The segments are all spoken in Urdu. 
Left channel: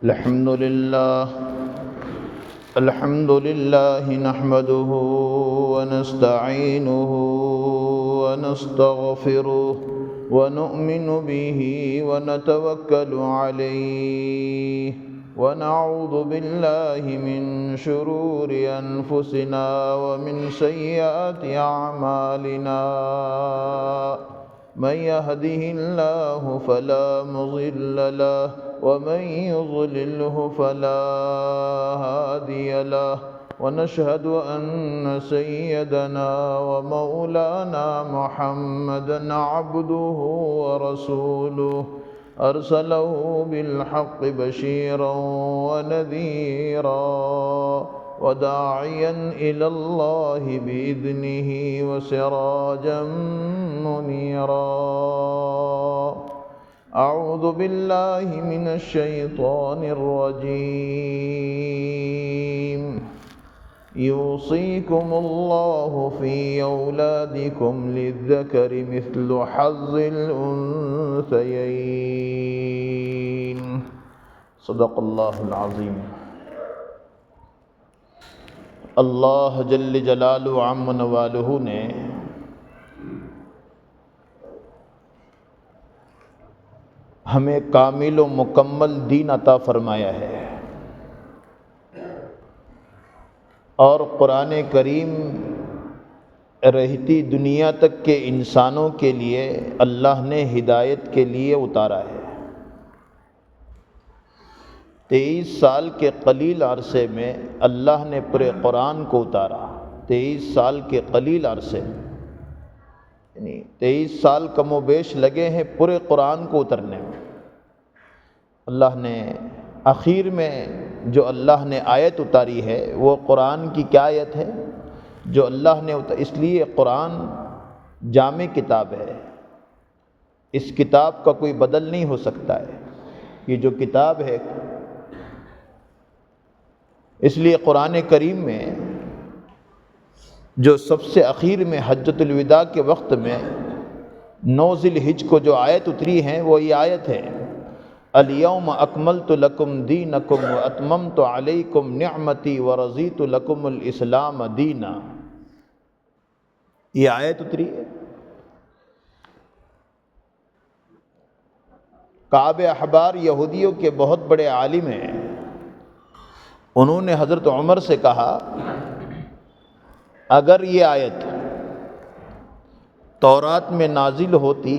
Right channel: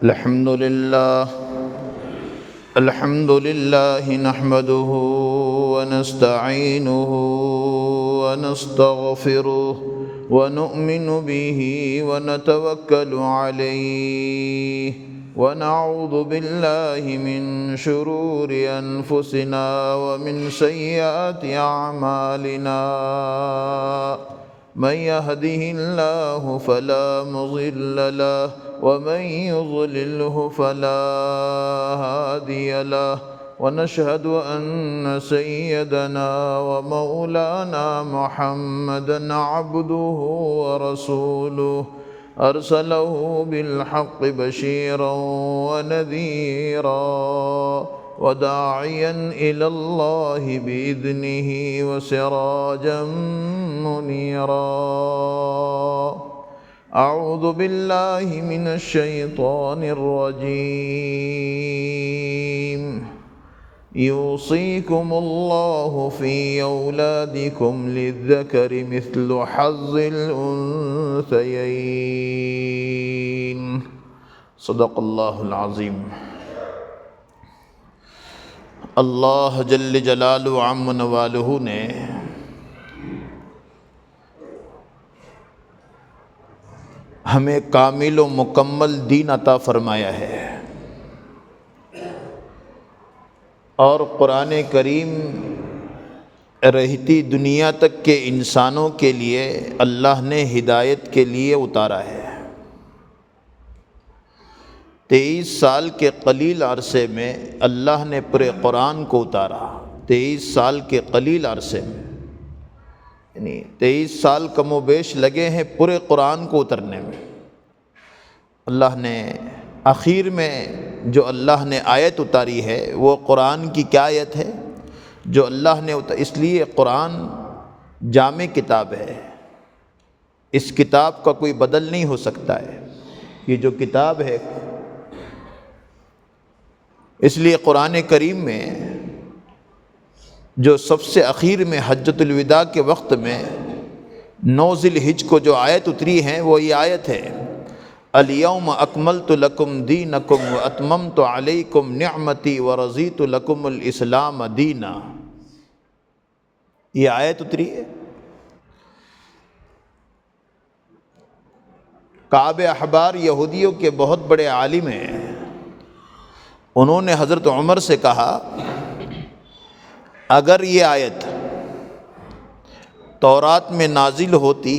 الحمد لله نحمده ونستعينه ونستغفره ونؤمن به ونتوكل عليه ونعوذ بالله من شرور أنفسنا ومن سيئات أعمالنا من يهده الله فلا مضل له ومن يضلله فلا هادي له ونشهد أن سيدنا ومولانا محمدا عبده ورسوله أرسله بالحق بشيرا ونذيرا وداعيا إلى الله بإذنه وسراجا منيرا. أعوذ بالله من الشيطان الرجيم. يوصيكم الله في أولادكم للذكر مثل حظ الأنثيين. صدق الله العظيم. اللہ جل جلالہ عم نوالہ نے ہمیں کامل و مکمل دین عطا فرمایا ہے، اور قرآن کریم رہتی دنیا تک کے انسانوں کے لیے اللہ نے ہدایت کے لیے اتارا ہے۔ 23 سال کے قلیل عرصے میں اللہ نے پورے قرآن کو اتارا۔ 23 سال کے قلیل عرصے میں، یعنی 23 سال کم و بیش لگے ہیں پورے قرآن کو اترنے میں۔ اللہ نے آخر میں جو اللہ نے آیت اتاری ہے وہ قرآن کی کیا آیت ہے جو اللہ نے اس لیے قرآن جامع کتاب ہے، اس کتاب کا کوئی بدل نہیں ہو سکتا ہے۔ یہ جو کتاب ہے، اس لیے قرآن کریم میں جو سب سے اخیر میں حجۃ الوداع کے وقت میں 9 ذی الحجہ کو جو آیت اتری ہے وہ یہ آیت ہے، الیوم اکملت لکم دینکم واتممت علیکم نعمتی ورضیت لکم الاسلام دینا۔ یہ آیت اتری ہے۔ کعب احبار یہودیوں کے بہت بڑے عالم ہیں، انہوں نے حضرت عمر سے کہا اگر یہ آیت تورات میں نازل ہوتی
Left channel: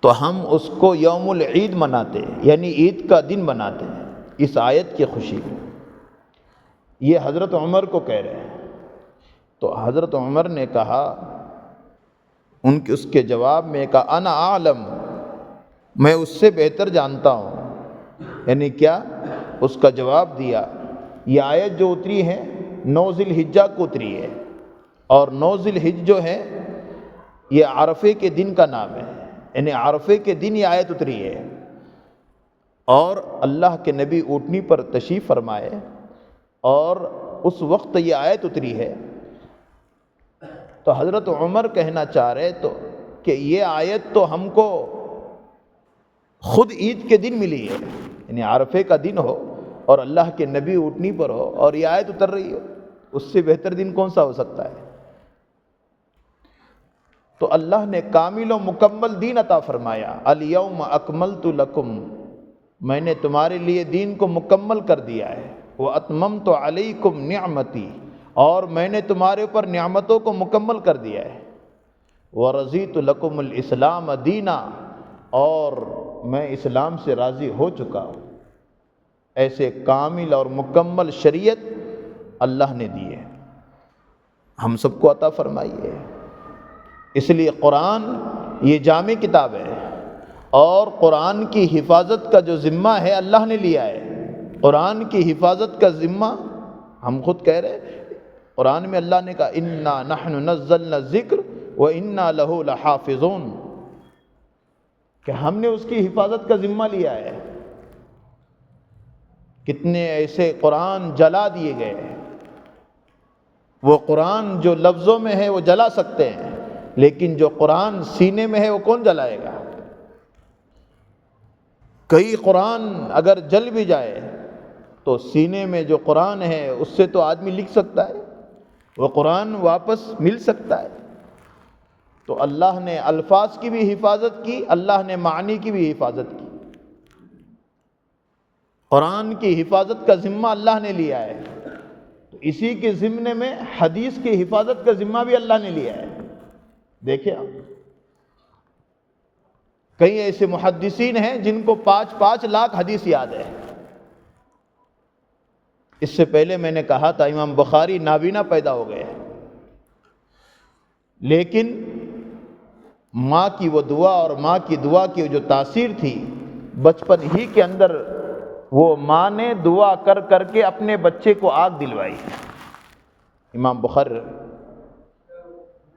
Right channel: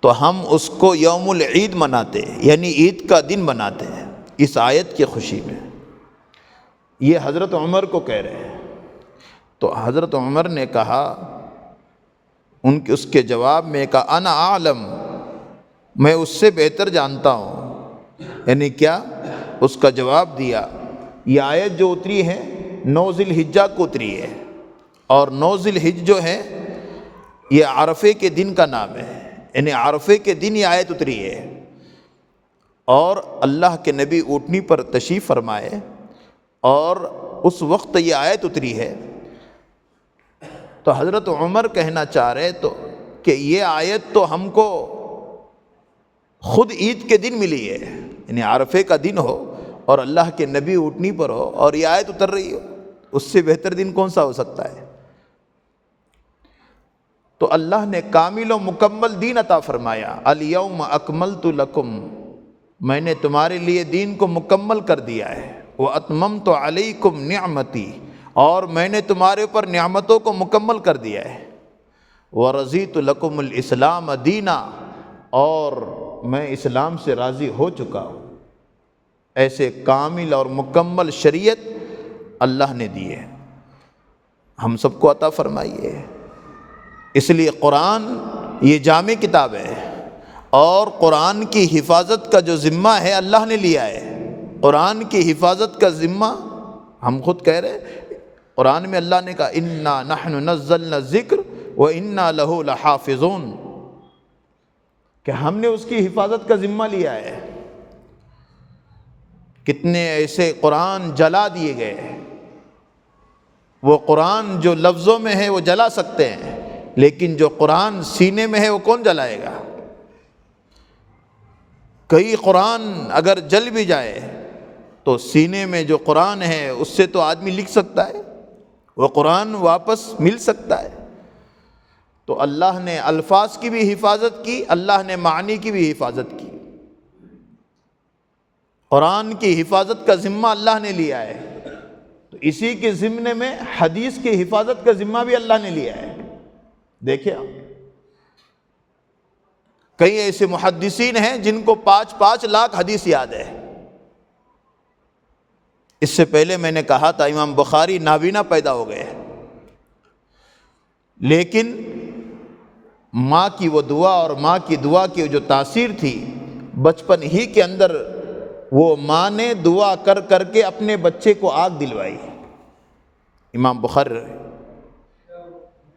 تو ہم اس کو یوم العید مناتے، یعنی عید کا دن مناتے ہیں اس آیت کی خوشی میں۔ یہ حضرت عمر کو کہہ رہے ہیں۔ تو حضرت عمر نے کہا، اس کے جواب میں کہا انا اعلم، میں اس سے بہتر جانتا ہوں۔ یعنی کیا؟ اس کا جواب دیا، یہ آیت جو اتری ہے 9 ذی الحجہ کو اتری ہے، اور 9 ذی الحجہ جو ہے یہ عرفے کے دن کا نام ہے، یعنی عرفے کے دن یہ آیت اتری ہے، اور اللہ کے نبی اونٹنی پر تشریف فرمائے اور اس وقت یہ آیت اتری ہے۔ تو حضرت عمر کہنا چاہ رہے تو کہ یہ آیت تو ہم کو خود عید کے دن ملی ہے، یعنی عرفے کا دن ہو اور اللہ کے نبی اونٹنی پر ہو اور یہ آیت اتر رہی ہو، اس سے بہتر دن کون سا ہو سکتا ہے؟ تو اللہ نے کامل و مکمل دین عطا فرمایا، الیوم اکملت لکم، میں نے تمہارے لیے دین کو مکمل کر دیا ہے، واتممت علیکم نعمتی، اور میں نے تمہارے اوپر نعمتوں کو مکمل کر دیا ہے، ورضیت لکم الاسلام دینا، اور میں اسلام سے راضی ہو چکا ہوں۔ ایسے کامل اور مکمل شریعت اللہ نے دی ہے، ہم سب کو عطا فرمائیے۔ اس لیے قرآن یہ جامع کتاب ہے، اور قرآن کی حفاظت کا جو ذمہ ہے اللہ نے لیا ہے۔ قرآن کی حفاظت کا ذمہ ہم خود کہہ رہے، قرآن میں اللہ نے کہا انا نحن نزلنا الذکر وانا لہ لحافظون، کہ ہم نے اس کی حفاظت کا ذمہ لیا ہے۔ کتنے ایسے قرآن جلا دیے گئے، وہ قرآن جو لفظوں میں ہے وہ جلا سکتے ہیں، لیکن جو قرآن سینے میں ہے وہ کون جلائے گا؟ کئی قرآن اگر جل بھی جائے تو سینے میں جو قرآن ہے اس سے تو آدمی لکھ سکتا ہے، وہ قرآن واپس مل سکتا ہے۔ تو اللہ نے الفاظ کی بھی حفاظت کی، اللہ نے معنی کی بھی حفاظت کی۔ قرآن کی حفاظت کا ذمہ اللہ نے لیا ہے، تو اسی کے ضمن میں حدیث کی حفاظت کا ذمہ بھی اللہ نے لیا ہے۔ دیکھیں آپ، کئی ایسے محدثین ہیں جن کو 5 لاکھ حدیث یاد ہے۔ اس سے پہلے میں نے کہا تھا امام بخاری نابینا پیدا ہو گئے، لیکن ماں کی وہ دعا اور ماں کی دعا کی جو تاثیر تھی، بچپن ہی کے اندر وہ ماں نے دعا کر کر کے اپنے بچے کو آنکھ دلوائی۔ امام بخاری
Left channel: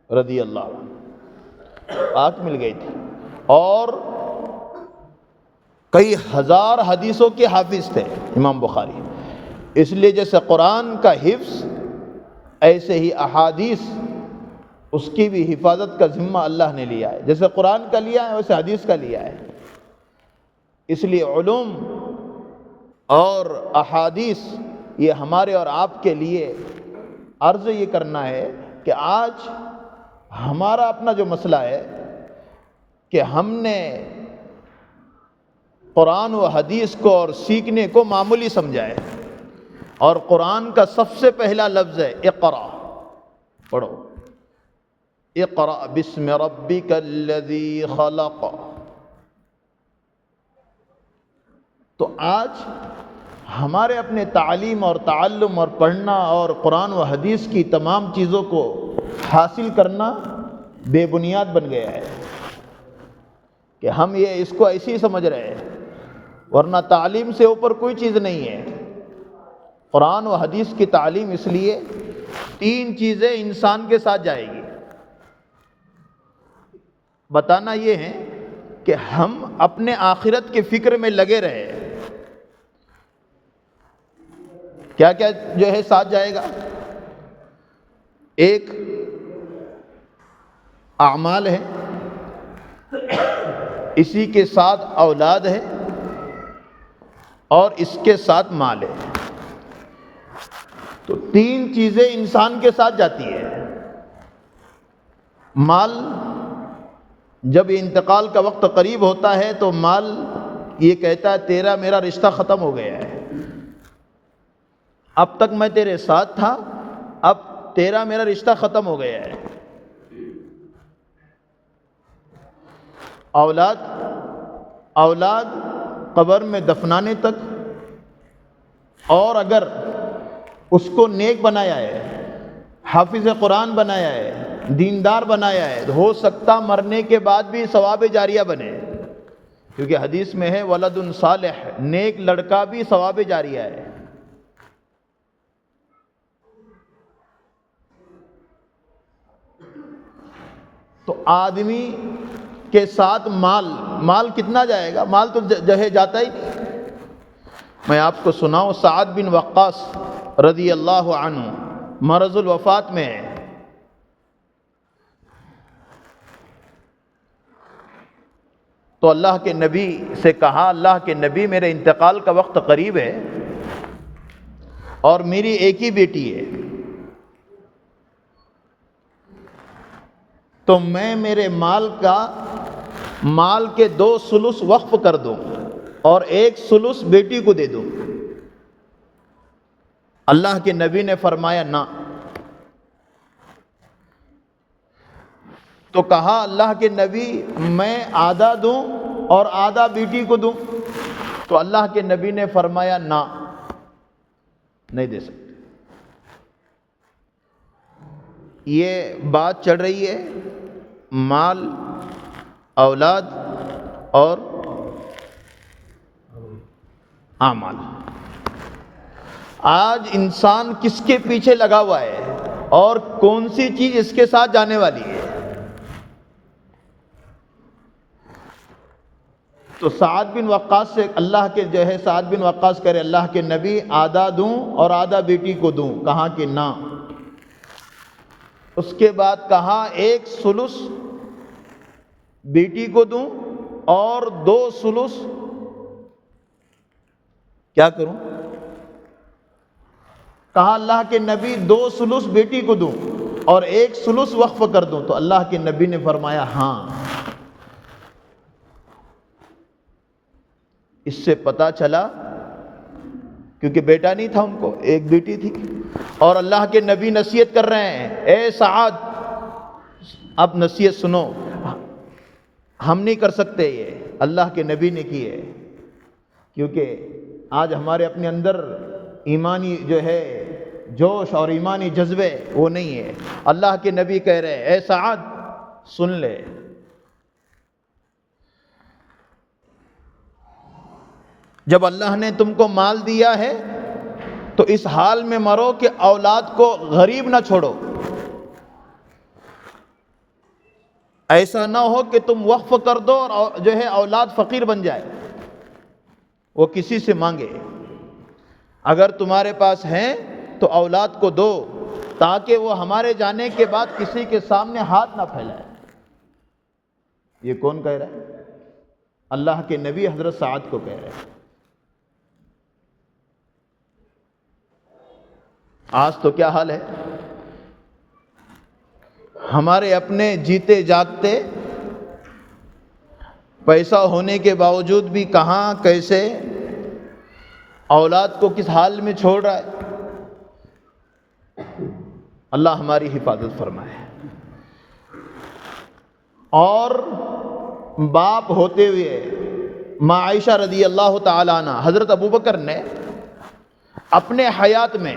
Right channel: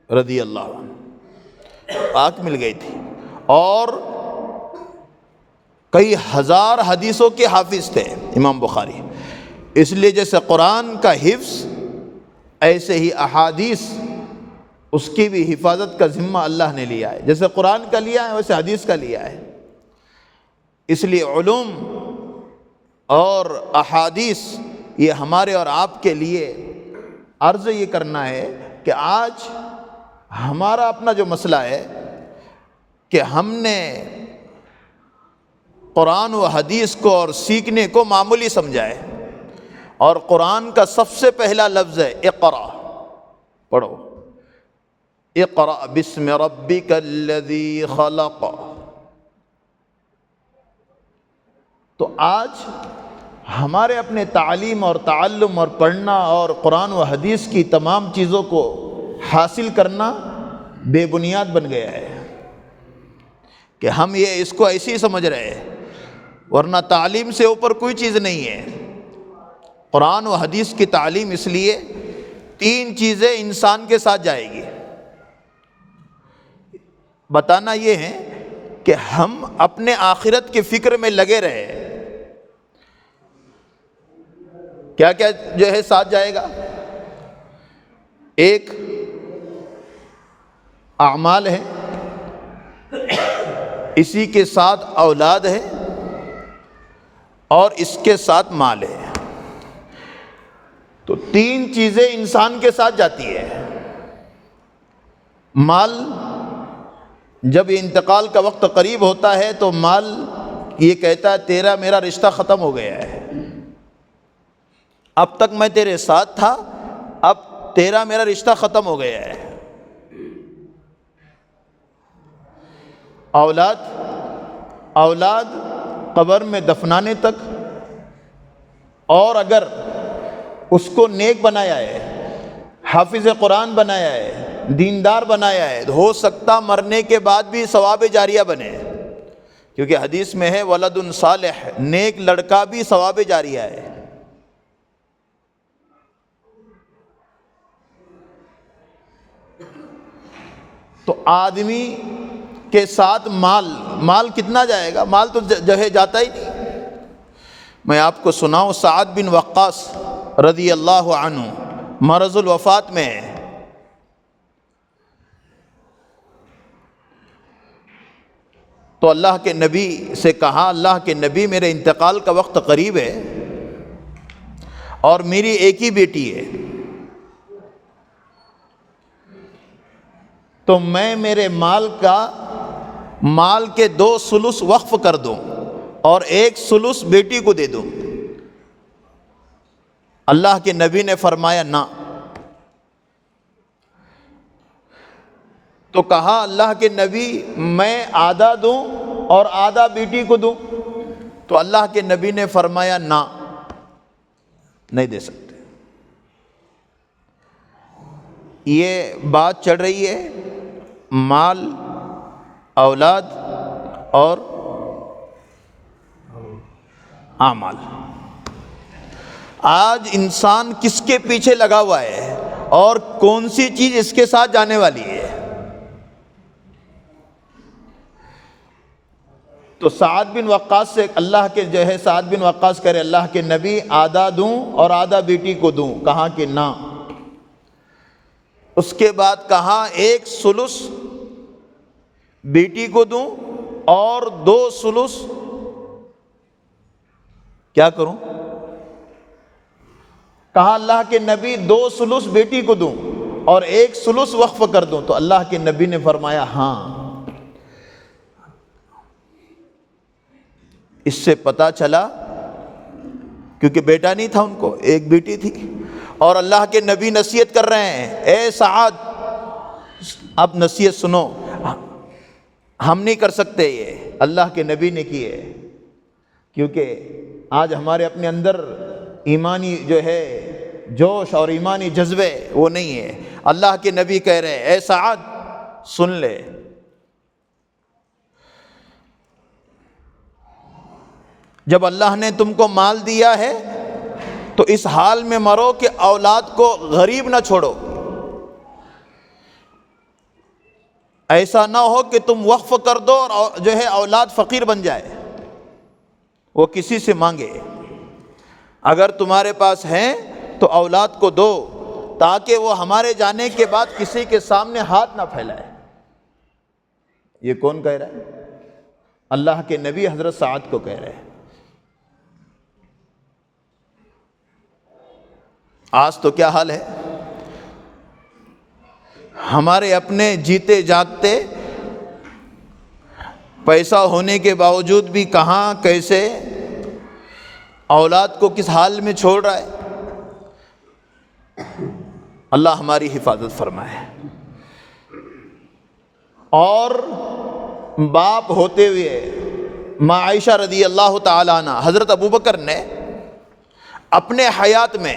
رضی اللہ عنہ آنکھ مل گئی تھی، اور کئی ہزار حدیثوں کے حافظ تھے امام بخاری۔ اس لیے جیسے قرآن کا حفظ، ایسے ہی احادیث اس کی بھی حفاظت کا ذمہ اللہ نے لیا ہے۔ جیسے قرآن کا لیا ہے ویسے حدیث کا لیا ہے۔ اس لیے علوم اور احادیث یہ ہمارے اور آپ کے لیے عرض یہ کرنا ہے کہ آج ہمارا اپنا جو مسئلہ ہے کہ ہم نے قرآن و حدیث کو اور سیکھنے کو معمولی سمجھا ہے، اور قرآن کا سب سے پہلا لفظ ہے اقرأ، پڑھو، اقرأ بسم ربک الذی خلق۔ تو آج ہمارے اپنے تعلیم اور تعلم اور پڑھنا اور قرآن و حدیث کی تمام چیزوں کو حاصل کرنا بے بنیاد بن گیا ہے کہ ہم اس کو ایسے ہی سمجھ رہے ہیں، ورنہ تعلیم سے اوپر کوئی چیز نہیں ہے۔ قرآن و حدیث کی تعلیم اس لیے 3 چیزیں انسان کے ساتھ جائے گی۔ بتانا یہ ہے کہ ہم اپنے آخرت کی فکر میں لگے رہے۔ کیا کیا جو ہے ساتھ جائے گا؟ ایک اعمال ہے، اسی کے ساتھ اولاد ہے، اور اس کے ساتھ مال ہے۔ تو 3 چیزیں انسان کے ساتھ جاتی ہے۔ مال، جب انتقال کا وقت قریب ہوتا ہے تو مال یہ کہتا ہے تیرا میرا رشتہ ختم ہو گیا ہے، اب تک میں تیرے ساتھ تھا، اب تیرا میرا رشتہ ختم ہو گیا ہے۔ اولاد قبر میں دفنانے تک، اور اگر اس کو نیک بنایا ہے، حافظ قرآن بنایا ہے، دیندار بنایا ہے، ہو سکتا مرنے کے بعد بھی ثواب جاریہ بنے، کیونکہ حدیث میں ہے ولد صالح، نیک لڑکا بھی ثواب جاریہ ہے۔ تو آدمی کے ساتھ مال کتنا جائے گا؟ مال تو جہے جاتا ہی نہیں۔ میں آپ کو سناؤں، سعد بن وقاص رضی اللہ عنہ مرض الوفات میں ہے، تو اللہ کے نبی سے کہا، اللہ کے نبی میرے انتقال کا وقت قریب ہے اور میری ایک ہی بیٹی ہے، تو میں میرے مال کے 2 ثلث وقف کر دوں اور 1 ثلث بیٹی کو دے دوں۔ اللہ کے نبی نے فرمایا نہ، تو کہا اللہ کے نبی میں آدھا دوں اور آدھا بیٹی کو دوں، تو اللہ کے نبی نے فرمایا نہ، نہیں دے سکتے۔ یہ بات چل رہی ہے مال، اولاد اور اعمال۔ آج انسان کس کے پیچھے لگا ہوا ہے اور کون سی چیز اس کے ساتھ جانے والی ہے؟ تو سعد بن وقاص سے اللہ کے جو ہے سعد بن وقاص کرے اللہ کے نبی آدھا دوں اور آدھا بیٹی کو دوں، کہا کہ نہ۔ اس کے بعد کہا 1 ثلث بیٹی کو دوں اور 2 ثلث کیا کروں؟ کہا اللہ کے نبی 2 سلس بیٹی کو دوں اور 1 سلس وقف کر دوں؟ تو اللہ کے نبی نے فرمایا ہاں۔ اس سے پتہ چلا، کیونکہ بیٹا نہیں تھا ان کو، 1 بیٹی تھی، اور اللہ کے نبی نصیحت کر رہے ہیں، اے سعد اب نصیحت سنو، ہم نہیں کر سکتے، یہ اللہ کے نبی نے کی ہے۔ کیونکہ آج ہمارے اپنے اندر ایمانی جو ہے جوش اور ایمانی جذبے وہ نہیں ہے۔ اللہ کے نبی کہہ رہے ہیں اے سعد سن لے، جب اللہ نے تم کو مال دیا ہے تو اس حال میں مرو کہ اولاد کو غریب نہ چھوڑو، ایسا نہ ہو کہ تم وقف کر دو اور جو ہے اولاد فقیر بن جائے، وہ کسی سے مانگے۔ اگر تمہارے پاس ہیں تو اولاد کو دو تاکہ وہ ہمارے جانے کے بعد کسی کے سامنے ہاتھ نہ پھیلائے۔ یہ کون کہہ رہا ہے؟ اللہ کے نبی حضرت سعد کو کہہ رہے ہیں۔ آج تو کیا حال ہے، ہمارے اپنے جیتے جاگتے پیسہ ہونے کے باوجود بھی کہاں کیسے اولاد کو کس حال میں چھوڑ رہا ہے۔ اللہ ہماری حفاظت فرمائے۔ اور باپ ہوتے ہوئے ماں عائشہ رضی اللہ تعالیٰ عنہ، حضرت ابوبکر نے اپنے حیات میں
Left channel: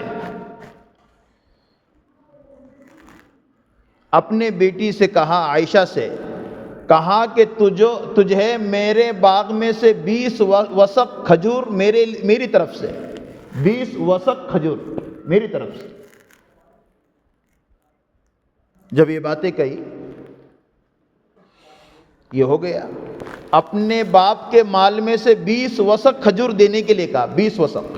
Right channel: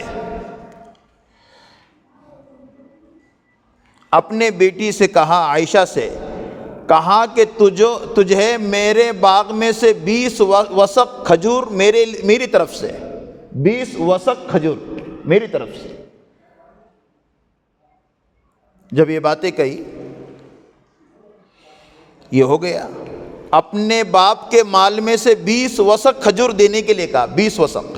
اپنے بیٹی سے کہا، عائشہ سے کہا کہ تجھے میرے باغ میں سے 20 وسق کھجور میری طرف سے، 20 وسق کھجور میری طرف سے۔ جب یہ باتیں کہی، یہ ہو گیا، اپنے باپ کے مال میں سے 20 وسق کھجور دینے کے لیے کہا، 20 وسق۔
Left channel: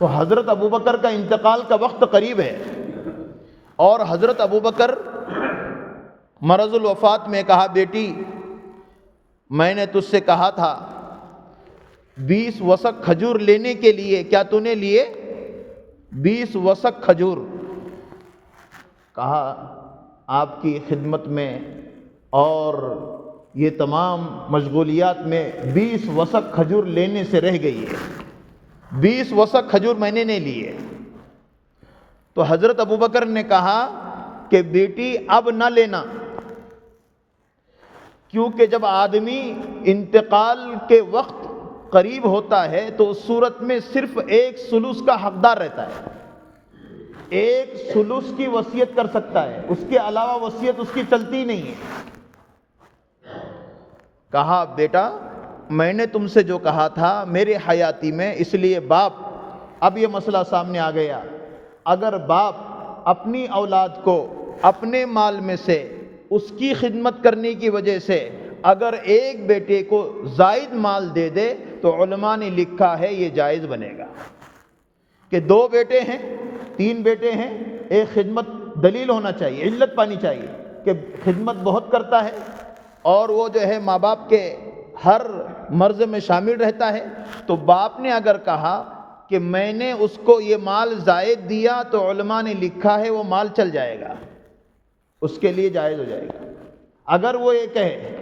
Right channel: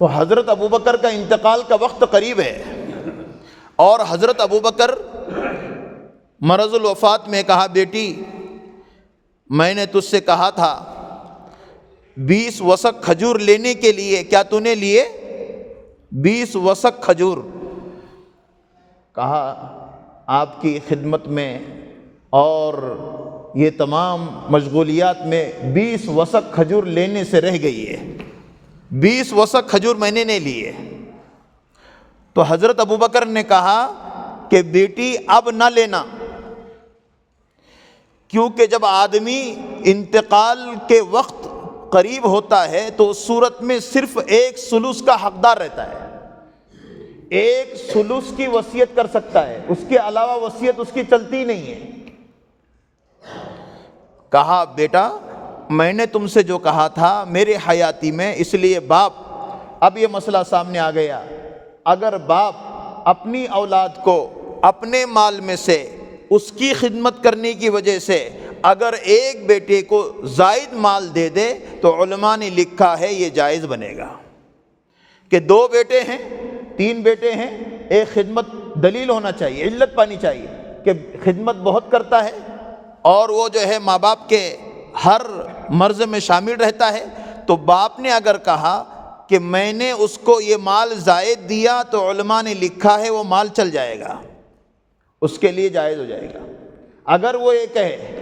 تو حضرت ابوبکر کا انتقال کا وقت قریب ہے، اور حضرت ابوبکر مرض الوفات میں کہا، بیٹی میں نے تجھ سے کہا تھا 20 وسق کھجور لینے کے لیے، کیا تو نے لیے؟ 20 وسق کھجور۔ کہا آپ کی خدمت میں اور یہ تمام مشغولیات میں 20 وسق کھجور لینے سے رہ گئی ہے، 20 وسق کھجور میں نے نہیں لیے۔ تو حضرت ابوبکر نے کہا کہ بیٹی اب نہ لینا، کیونکہ جب آدمی انتقال کے وقت قریب ہوتا ہے تو اس صورت میں صرف 1 ثلث کا حقدار رہتا ہے، 1 ثلث کی وصیت کر سکتا ہے، اس کے علاوہ وصیت اس کی چلتی نہیں ہے۔ کہا بیٹا میں نے تم سے جو کہا تھا میرے حیاتی میں، اس لیے باپ، اب یہ مسئلہ سامنے آ گیا، اگر باپ اپنی اولاد کو اپنے مال میں سے اس کی خدمت کرنے کی وجہ سے اگر ایک بیٹے کو زائد مال دے دے تو علماء نے لکھا ہے یہ جائز بنے گا، کہ 2 بیٹے ہیں 3 بیٹے ہیں، ایک خدمت دلیل ہونا چاہیے، علت پانی چاہیے کہ خدمت بہت کرتا ہے اور وہ جو ہے ماں باپ کے ہر مرض میں شامل رہتا ہے، تو باپ نے اگر کہا کہ میں نے اس کو یہ مال زائد دیا تو علماء نے لکھا ہے وہ مال چل جائے گا، اس کے لیے جائز ہو جائے گا۔ اگر وہ یہ کہے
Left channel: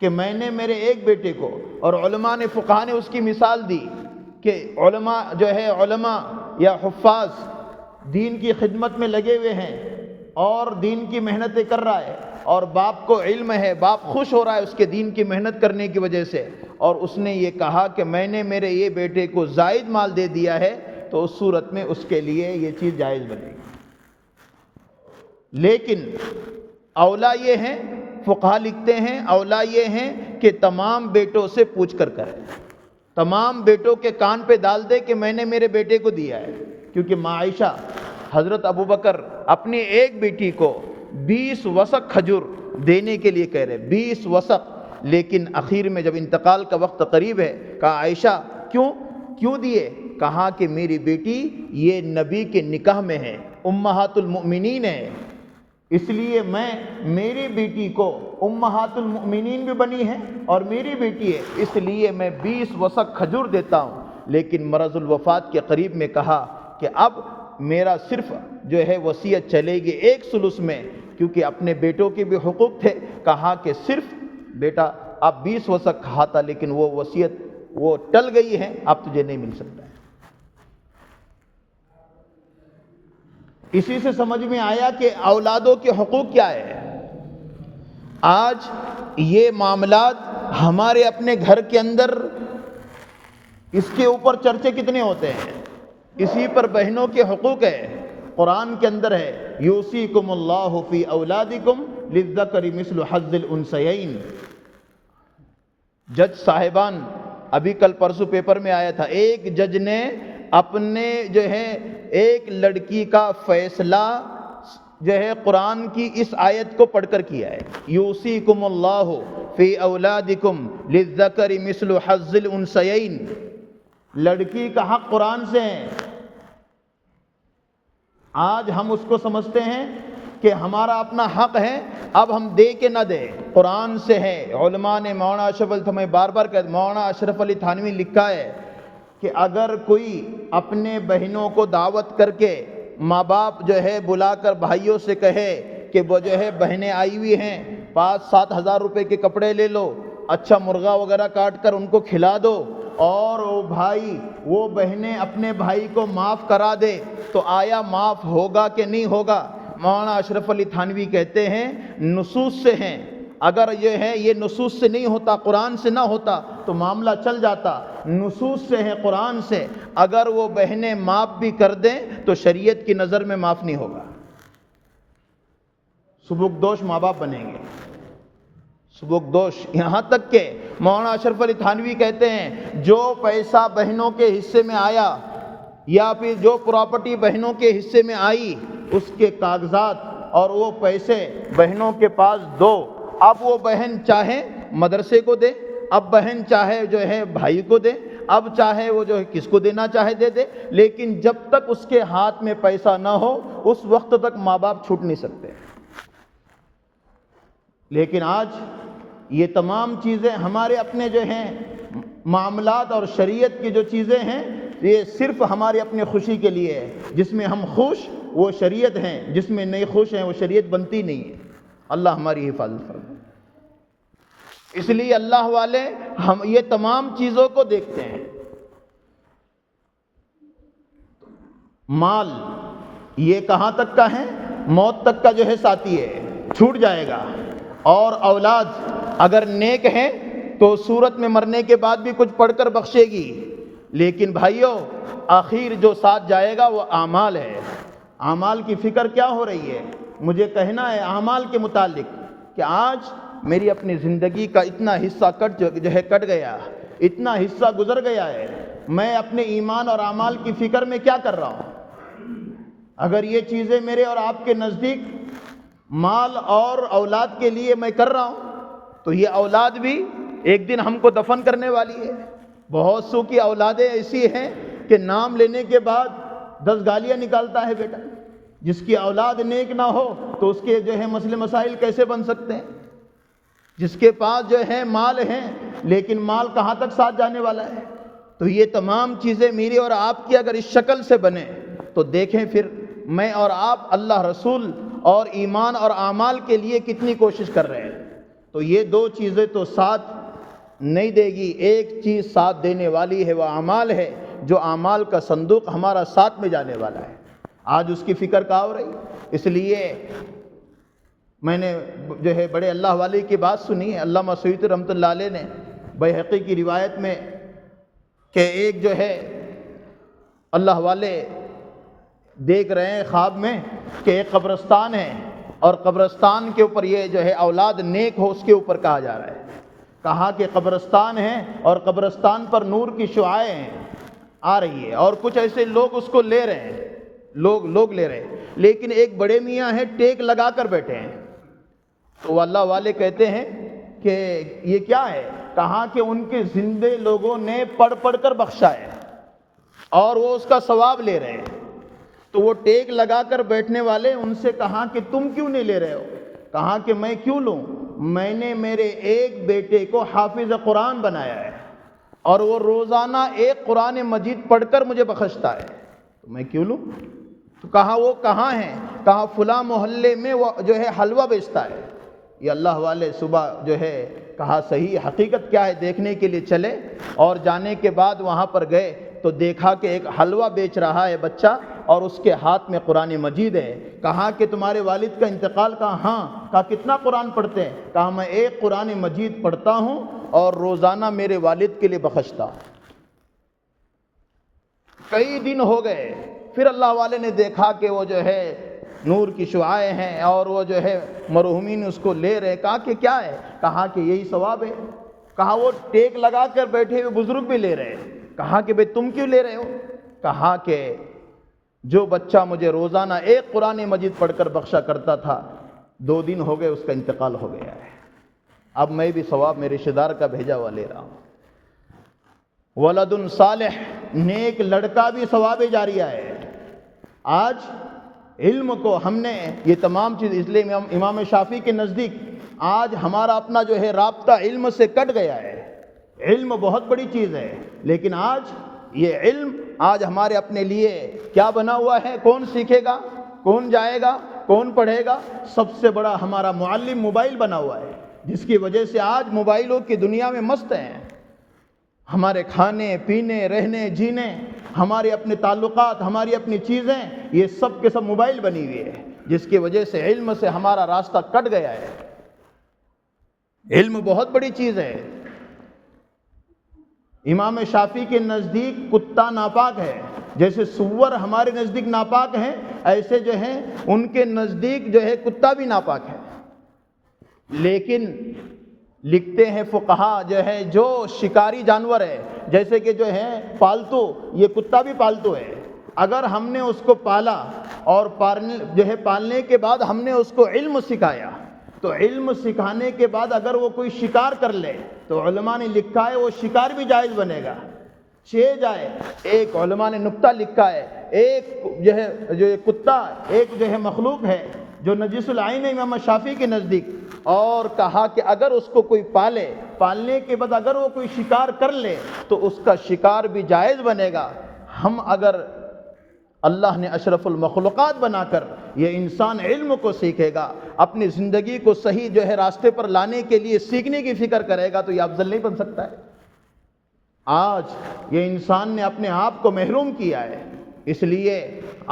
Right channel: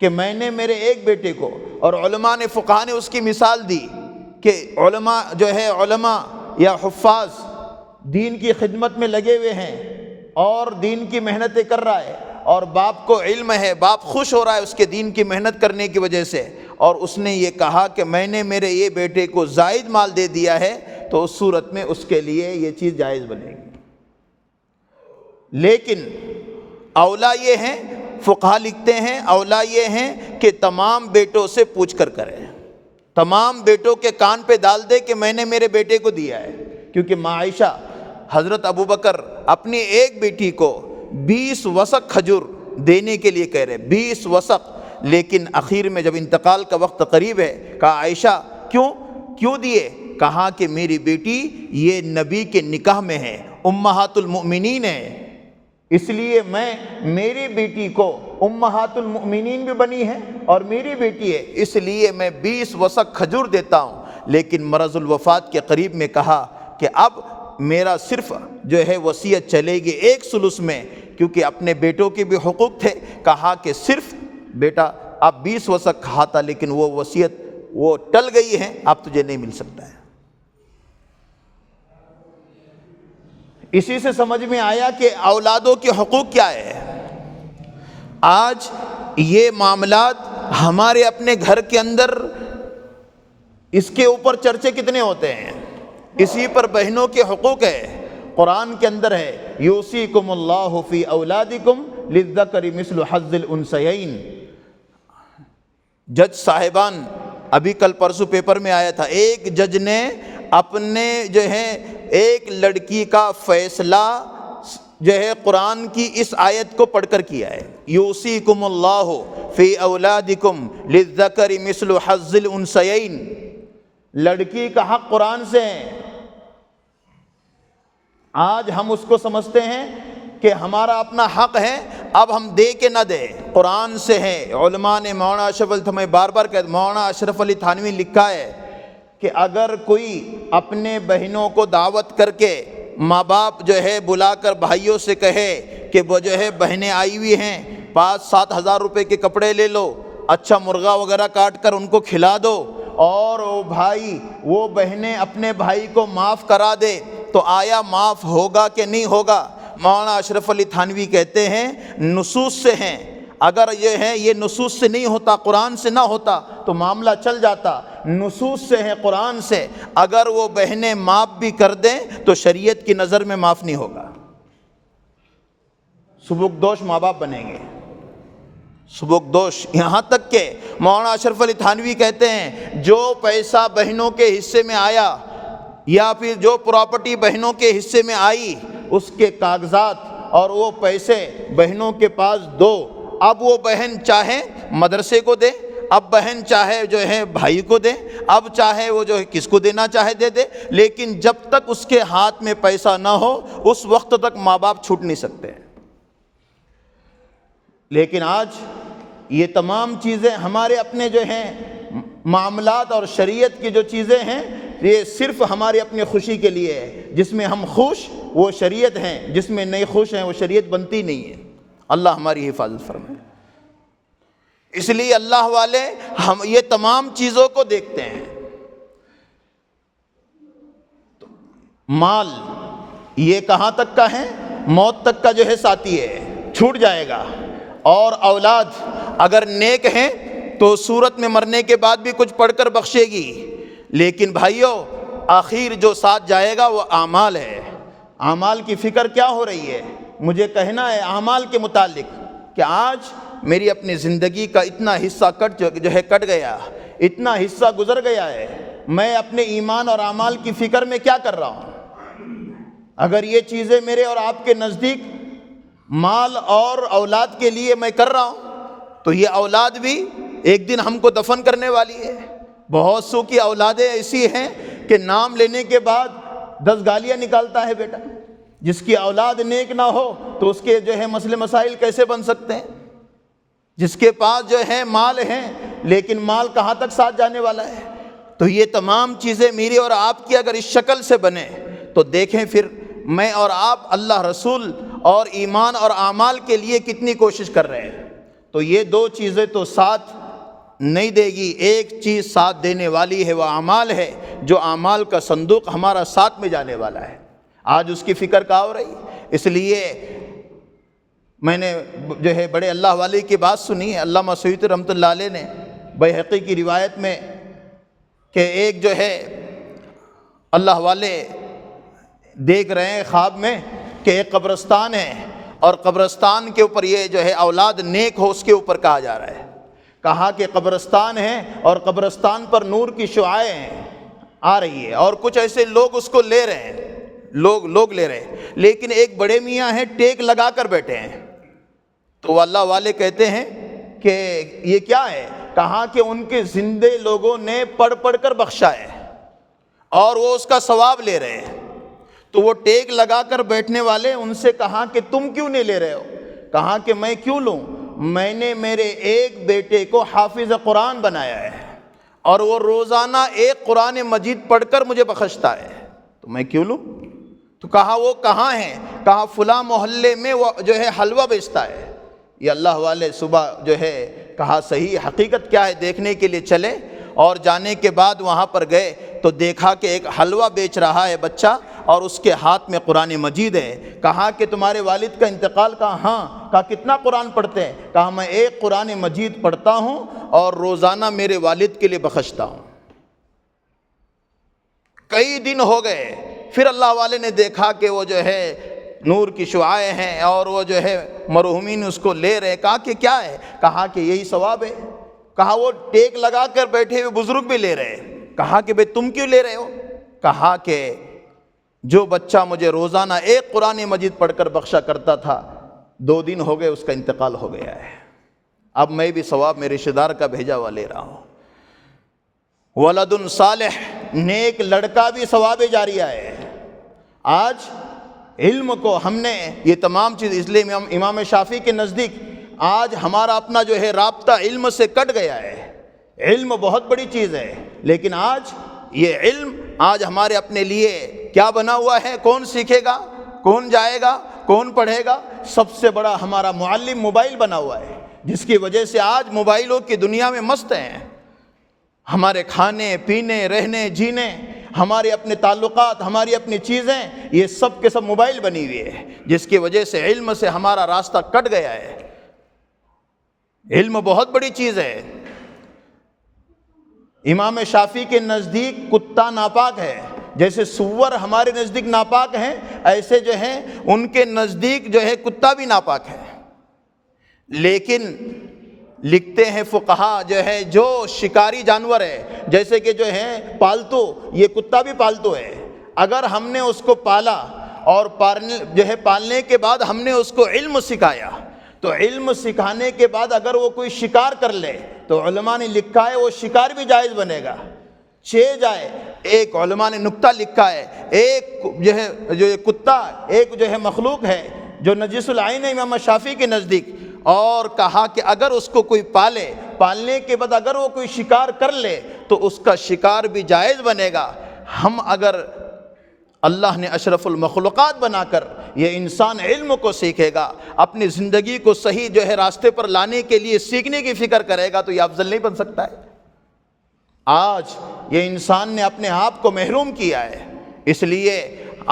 کہ میں نے میرے ایک بیٹے کو، اور علماء نے فقہاء نے اس کی مثال دی کہ علماء جو ہے علماء یا حفاظ دین کی خدمت میں لگے ہوئے ہیں اور دین کی محنتیں کر رہا ہے، اور باپ کو علم ہے، باپ خوش ہو رہا ہے اس کے دین کی محنت کرنے کی وجہ سے، اور اس نے یہ کہا کہ میں نے میرے یہ بیٹے کو زائد مال دے دیا ہے، تو اس صورت میں اس کے لیے یہ چیز جائز بنے گی۔ لیکن اولا یہ ہیں، فقہا لکھتے ہیں اولا یہ ہیں کہ تمام بیٹوں سے پوچھ کر کریں، تمام بیٹوں کے کان پہ ڈال دے کہ میں نے میرے بیٹے کو دیا ہے، کیونکہ ماں عائشہ حضرت ابوبکر اپنی ایک بیٹی کو 20 وسق کھجور دینے کے لیے کہہ رہے، 20 وسق، لیکن اخیر میں جب انتقال کا وقت قریب ہے کہا عائشہ کیوں دیے؟ کہا کہ میری بیٹی یہ نبی کے نکاح میں ہے، امہات المؤمنین ہے، اس لیے میری بیٹی کو امہات المؤمنین بھی بنی ہے اور میری بیٹی ہے، اس لیے میں 20 وسق کھجور دیتا ہوں۔ لیکن مرض الوفات کے قریب میں کہا کہ اب میرا صرف جو ہے وصیت چلے گی 1/3 میں، کیونکہ اپنے بیٹوں کے بھی حقوق تھے۔ کہا کہ صرف بیٹا اب 20 وسق کھاتا، لیکن وہ وصیت وہ ٹل گئی ہے، اب تجھے نہیں مل سکتا ہے۔ اسی سے سمجھ میں آیا کہ اولادوں کے حقوق کیا ہے۔ آج یہ معاملات ہمارے اپنے گھر کے اندر اس کے اوپر چرچے کتنے ہوتے ہیں، اسی پر بہنوں کے حقوق ہے۔ قرآن کے اندر ہے یوصیکم اللہ فی اولادکم للذکر مثل حظ الانثیین۔ جج صاحبان، ابھی کل پرسوں پیپر میں آیا تھا، ایک جج نے اپنے جو ہے ایک لڑکی کا فیصلہ جو ہے قرآن کی اس آیت کو پڑھ کر کیا ہے، یوصیکم اللہ فی اولادکم للذکر مثل حظ الانثیین۔ لڑکی کا حق قرآن سے ہے۔ آج ہم اس کو سمجھتے ہیں کہ ہمارا اپنا حق ہے، اب ہم دے کے نہ دیں، قرآن سے ہے۔ علماء نے مولانا اشرف علی، میں بار بار کہتا ہوں، مولانا اشرف علی تھانوی لکھا ہے کہ اگر کوئی اپنے بہنوں کو دعوت کر کے ماں باپ جو ہے بلا کر بھائیوں سے کہے کہ وہ جو ہے بہنیں آئی ہوئی ہیں، 5-7 ہزار روپے کے کپڑے لے لو، اچھا مرغا وغیرہ کاٹ کر ان کو کھلا دو، اور وہ بہنیں اپنے بھائی کو معاف کرا دے، تو آیا معاف ہوگا کہ نہیں ہوگا؟ مولانا اشرف علی تھانوی کہتے ہیں نصوص سے ہیں، اگر یہ نصوص سے نہیں ہوتا، قرآن سے نہ ہوتا تو معاملہ چل جاتا، نصوص سے ہے، قرآن سے۔ اگر وہ بہنیں معاف بھی کر دیں تو شریعت کی نظر میں معاف نہیں ہوگا، سبکدوش ماں باپ بنیں گے، سبکدوش۔ یہاں تک کہ مولانا اشرف علی تھانوی کہتے ہیں جو پیسہ بہنوں کے حصے میں آیا یا پھر جو پراپرٹی بہنوں کے حصے میں آئی، اس کے کاغذات اور وہ پیسے بہنوں کے پاس دو۔ اب وہ بہن چاہے مدرسے کو دے، اب بہن چاہے جو ہے بھائی کو دے، اب چاہے وہ جو ہے کس کو دینا چاہے دے دے، لیکن جب تک اس کے ہاتھ میں پیسہ نہ ہو اس وقت تک ماں باپ چھوٹ نہیں سکتے۔ لیکن آج یہ تمام چیزیں ہمارے اپنے جو ہیں معاملات اور شریعت کی جو چیزیں ہیں، یہ صرف ہمارے اپنے خوشی کے لیے ہے۔ جس میں ہم خوش وہ شریعت ہیں، جس میں نہیں خوش ہیں وہ شریعت بنتی نہیں ہے۔ اللہ ہماری حفاظت فرمائے۔ اس لیے اللہ والے ہم یہ تمام چیزوں کو دیکھتے ہیں۔ مال یہ کہاں تک کا ہے؟ موت تک کا جو ہے ساتھی ہے، چھوٹ جائے گا۔ اور اولاد اگر نیک ہیں تو صورت میں مرنے کے بعد بھی کچھ پڑھ کر بخشے گی، لیکن بھائیوں آخر جو ساتھ جائے گا وہ اعمال ہے۔ اعمال کی فکر کیا ہو رہی ہے؟ مجھے کہنا ہے اعمال کے متعلق کہ آج میری اپنی زندگی کا اتنا حصہ کٹ گیا، اتنا حصہ گزر گیا ہے، میں اپنے ایمان اور اعمال کی فکر میں کیا کر رہا ہوں؟ اگر یہ چیزیں میرے اور آپ کے نزدیک مال اور اولاد کے لیے میں کر رہا ہوں تو یہ اولاد بھی ایک دن ہم کو دفن کرنے والی ہے۔ بہت سو کی اولادیں ایسی ہیں کہ نام لینے کے بعد 10 گالیاں نکالتا ہے بیٹا۔ جس کی اولاد نیک نہ ہو تو اس کے جو ہے مسئلے مسائل کیسے بن سکتے ہیں؟ جس کے پاس جو ہے مال ہے لیکن مال کہاں تک ساتھ جانے والا ہے؟ تو یہ تمام چیزیں میری اور آپ کی اگر اس شکل سے بنے تو دیکھیں پھر میں اور آپ اللہ رسول اور ایمان اور اعمال کے لیے کتنی کوشش کر رہے ہیں۔ تو یہ دو چیزیں تو ساتھ نہیں دے گی، ایک چیز ساتھ دینے والی ہے وہ اعمال ہے، جو اعمال کا صندوق ہمارا ساتھ میں جانے والا ہے۔ آج اس کی فکر کہاں ہو رہی؟ اس لیے میں نے جو ہے بڑے اللہ والے کی بات سنی ہے، علامہ سیوطی رحمۃ اللہ علیہ نے بیہقی کی روایت میں کہ ایک جو ہے اللہ والے دیکھ رہے ہیں خواب میں کہ ایک قبرستان ہے اور قبرستان کے اوپر یہ جو ہے اولاد نیک ہو اس کے اوپر کہا جا رہا ہے۔ کہا کہ قبرستان ہے اور قبرستان پر نور کی شعاعیں آ رہی ہے اور کچھ ایسے لوگ اس کو لے رہے ہیں، لوگ لے رہے ہیں، لیکن ایک بڑے میاں ہیں ٹیک لگا کر بیٹھے ہیں۔ تو وہ اللہ والے کہتے ہیں کہ یہ کیا ہے؟ کہا کہ ان کے زندے لوگوں نے پڑھ کر بخشا ہے اور وہ اس کا ثواب لے رہے ہیں۔ تو وہ ٹیک لگا کر بیٹھنے والے ان سے کہا کہ تم کیوں نہیں لے رہے ہو؟ کہا کہ میں کیوں لوں، میں نے میرے ایک بیٹے کو حافظ قرآن بنایا ہے اور وہ روزانہ ایک قرآن مجید پڑھ کر مجھے بخشتا ہے، تو میں کیوں لوں؟ تو کہا وہ کہاں ہیں؟ کہا فلاں محلے میں وہ جو ہے حلوہ بیچتا ہے۔ یہ اللہ والے صبح جو ہے کہا صحیح حقیقت کیا ہے دیکھنے کے لیے چلے، اور جانے کے بعد وہاں پر گئے تو دیکھا کہ ایک حلوہ بیچ رہا ہے بچہ اور اس کے ہاتھ میں قرآن مجید ہے۔ کہا کہ تمہارے والد کا انتقال؟ کہا ہاں۔ کہا کتنا قرآن پڑھتے ہیں؟ کہا میں ایک قرآن مجید پڑھتا ہوں اور روزانہ میرے والد کے لیے بخشتا ہوں۔ کئی دن ہو گئے، پھر اللہ والے نے دیکھا کہ وہ جو ہے نور کی شعاعیں ہیں اور وہ جو ہے مرحومین اس کو لے رہے۔ کہا کہ کیا ہے؟ کہا کہ یہی ثواب ہے۔ کہا وہ ٹیک لگا کر بیٹھے ہوئے بزرگ بھی لے رہے۔ کہا کہ بھئی تم کیوں لے رہے ہو؟ کہا کہ جو بچہ مجھے روزانہ ایک قرآن مجید پڑھ کر بخشا کرتا تھا، 2 دن ہو گئے اس کا انتقال ہو گیا ہے، اب میں بھی ثواب میرے رشتہ دار کا بھیجا ہوا لے رہا ہوں۔ ولد صالح، نیک لڑکا بھی ثواب جاریہ ہے۔ آج علم کو ہم نے یہ تمام چیز، اس لیے امام شافعی کے نزدیک آج ہمارا اپنا جو ہے رابطہ علم سے کٹ گیا ہے۔ علم بہت بڑی چیز ہے، لیکن آج یہ علم آج ہمارے اپنے لیے کیا بنا ہوا ہے؟ کون سیکھے گا؟ کون جائے گا؟ کون پڑھے گا؟ سب سے بڑا ہمارا معلم موبائل بنا ہوا ہے، جس کی وجہ سے آج موبائلوں کی دنیا میں مست ہیں۔ ہمارے کھانے پینے رہنے جینے، ہمارے اپنے تعلقات، ہماری اپنی چیزیں، یہ سب کے سب موبائل بنی ہوئی ہے، جس کی وجہ سے علم سے ہمارا راستہ کٹ گیا ہے۔ علم بہت بڑی چیز ہے۔ امام شافعی کے نزدیک کتا ناپاک ہے، جیسے سور ہمارے نزدیک ناپاک ہیں، ایسے جو ہیں ان کے نزدیک جو ہے کتا بھی ناپاک ہے۔ لیکن لکھتے ہیں فقہا جو ہے جو شکاری جانور ہے، جیسے کہ جو ہے پالتو، یہ کتا بھی پالتو ہے، اگر ہم نے اس کو پالا اور پالنے کے بعد ہم نے اس کو علم سکھایا، تو علم سکھانے کے بعد اگر وہ کوئی شکار کر لے تو علماء نے لکھا ہے وہ شکار بھی جائز بنے گا، جائے۔ ایک علماء نے نکتہ لکھا ہے، ایک جو ہے جو یہ کتا ایک جو ہے مخلوق ہے جو نجس العین ہے امام شافعی کے نزدیک، اور کہا کہ اگر اس کو کوئی پالنے کے بعد اگر وہ کوئی شکار کر لے تو اس کا شکار بھی جائز بنے گا۔ ہم اگر اللہ نے اشرف المخلوقات بنا کر یہ انسان علم کو سیکھے گا، اپنی زندگی کو صحیح جو ہے راستے پر لانے کے لیے سیکھنے کی فکر کرے گا، تو یہ افضل نہیں بن سکتا ہے۔ آج یہ انسان نے اپنے آپ کو محروم کیا ہے، اس لیے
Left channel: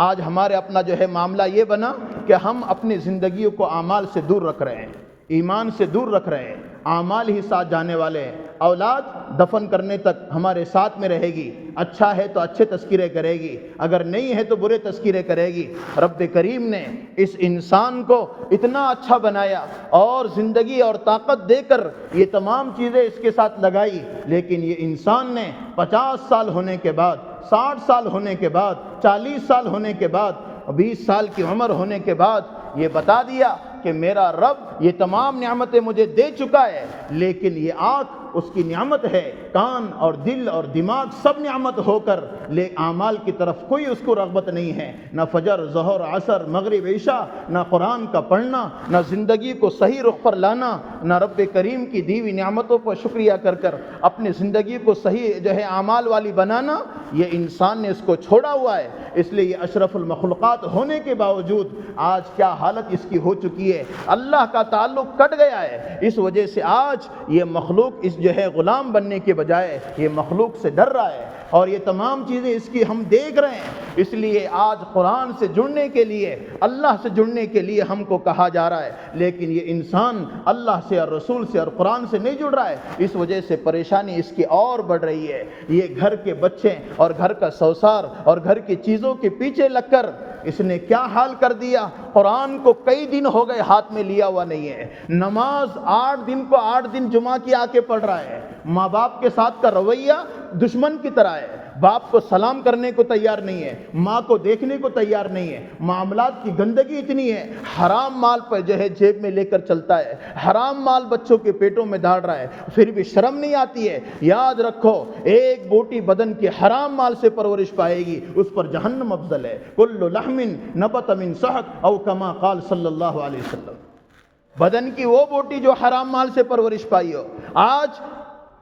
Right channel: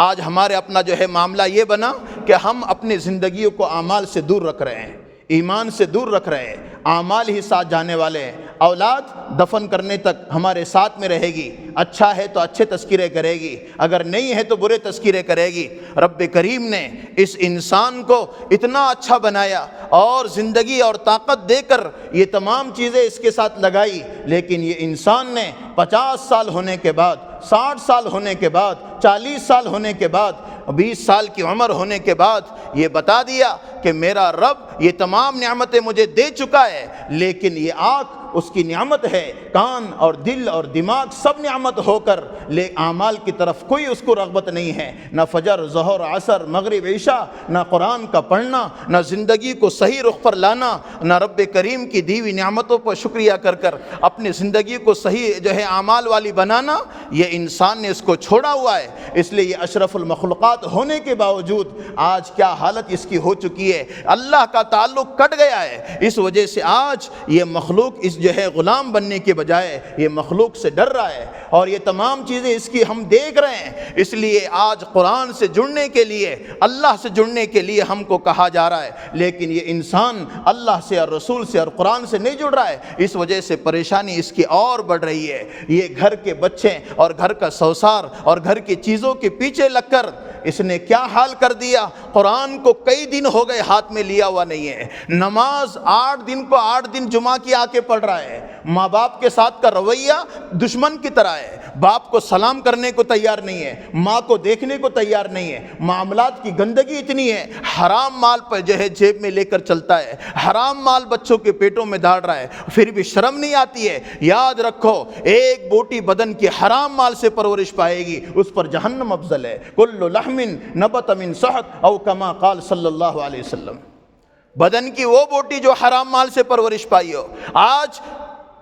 آج ہمارے اپنا جو ہے معاملہ یہ بنا کہ ہم اپنی زندگیوں کو اعمال سے دور رکھ رہے ہیں، ایمان سے دور رکھ رہے ہیں، اعمال ہی ساتھ جانے والے ہیں۔ اولاد دفن کرنے تک ہمارے ساتھ میں رہے گی، اچھا ہے تو اچھے تذکرے کرے گی، اگر نہیں ہے تو برے تذکرے کرے گی۔ رب کریم نے اس انسان کو اتنا اچھا بنایا اور زندگی اور طاقت دے کر یہ تمام چیزیں اس کے ساتھ لگائی، لیکن یہ انسان نے 50 سال ہونے کے بعد، 60 سال ہونے کے بعد، 40 سال ہونے کے بعد، 20 سال کی عمر ہونے کے بعد یہ بتا دیا کہ میرا رب یہ تمام نعمتیں مجھے دے چکا ہے، لیکن یہ آنکھ اس کی نعمت ہے، کان اور دل اور دماغ سب نعمت ہو کر اعمال کی طرف کوئی اس کو رغبت نہیں ہے، نہ فجر ظہر عصر مغرب عشاء، نہ قرآن کا پڑھنا، نہ زندگی کو صحیح رخ پر لانا، نہ رب کریم کی دی ہوئی نعمتوں پر شکریہ کر کر اپنی زندگی کو صحیح جو ہے اعمال والی بنانا، یہ انسان نے اس کو چھوڑا ہوا ہے۔ اس لیے یہ اشرف المخلوقات ہونے کے باوجود آج کیا حالت اس کی ہو چکی ہے، اللہ کا تعلق کٹ گیا ہے۔ اس وجہ سے آج یہ مخلوق اس جو ہے غلام بننے کے بجائے یہ مخلوق سے ڈر رہا ہے، اور یہ تمام چیزیں اس کی ہم دیکھ رہے ہیں۔ اس لیے آج قرآن سے جڑنے کے لیے، اللہ سے جڑنے کے لیے ہم کو کہا جا رہا ہے، لیکن یہ انسان اللہ سے اور رسول سے اور قرآن سے نہیں جڑ رہا ہے، اس وجہ سے پریشانی اس کی اور بڑھ رہی ہے۔ یہ گھر کے بچے اور گھر کا سوسار اور گھر کی چیزوں کے پیچھے لگ کر اس نے کیا حال کر دیا، قرآن کو کئی دن ہو گئے ہاتھ میں لیا ہوا نہیں ہے، نماز 8 دن کو 8 دن جمعہ کی آ کے پڑھ رہا ہے، ماں باپ کے ساتھ کا رویہ دشمن کی طرح ہے، باپ کو سلام کرنے کو تیار نہیں ہے، ماں کو دیکھنے کو تیار نہیں ہے، معاملات کی گندگی اتنی ہے، حرام مال پر جو ہے جیب میں لے کر چلتا ہے، حرام مال بچوں کے پیٹوں میں ڈال رہا ہے، پھر بھی شرم نہیں آتی ہے۔ یاد رکھو ایک بوٹی بدن کی حرام مال سے پرورش پائے گی، اس پر جہنم افضل ہے۔ کل لحم نبت من سحت او کما قال صلی اللہ علیہ وسلم۔ بدن کی وہ بوٹی جو حرام مال سے پرورش پائی ہو۔ آج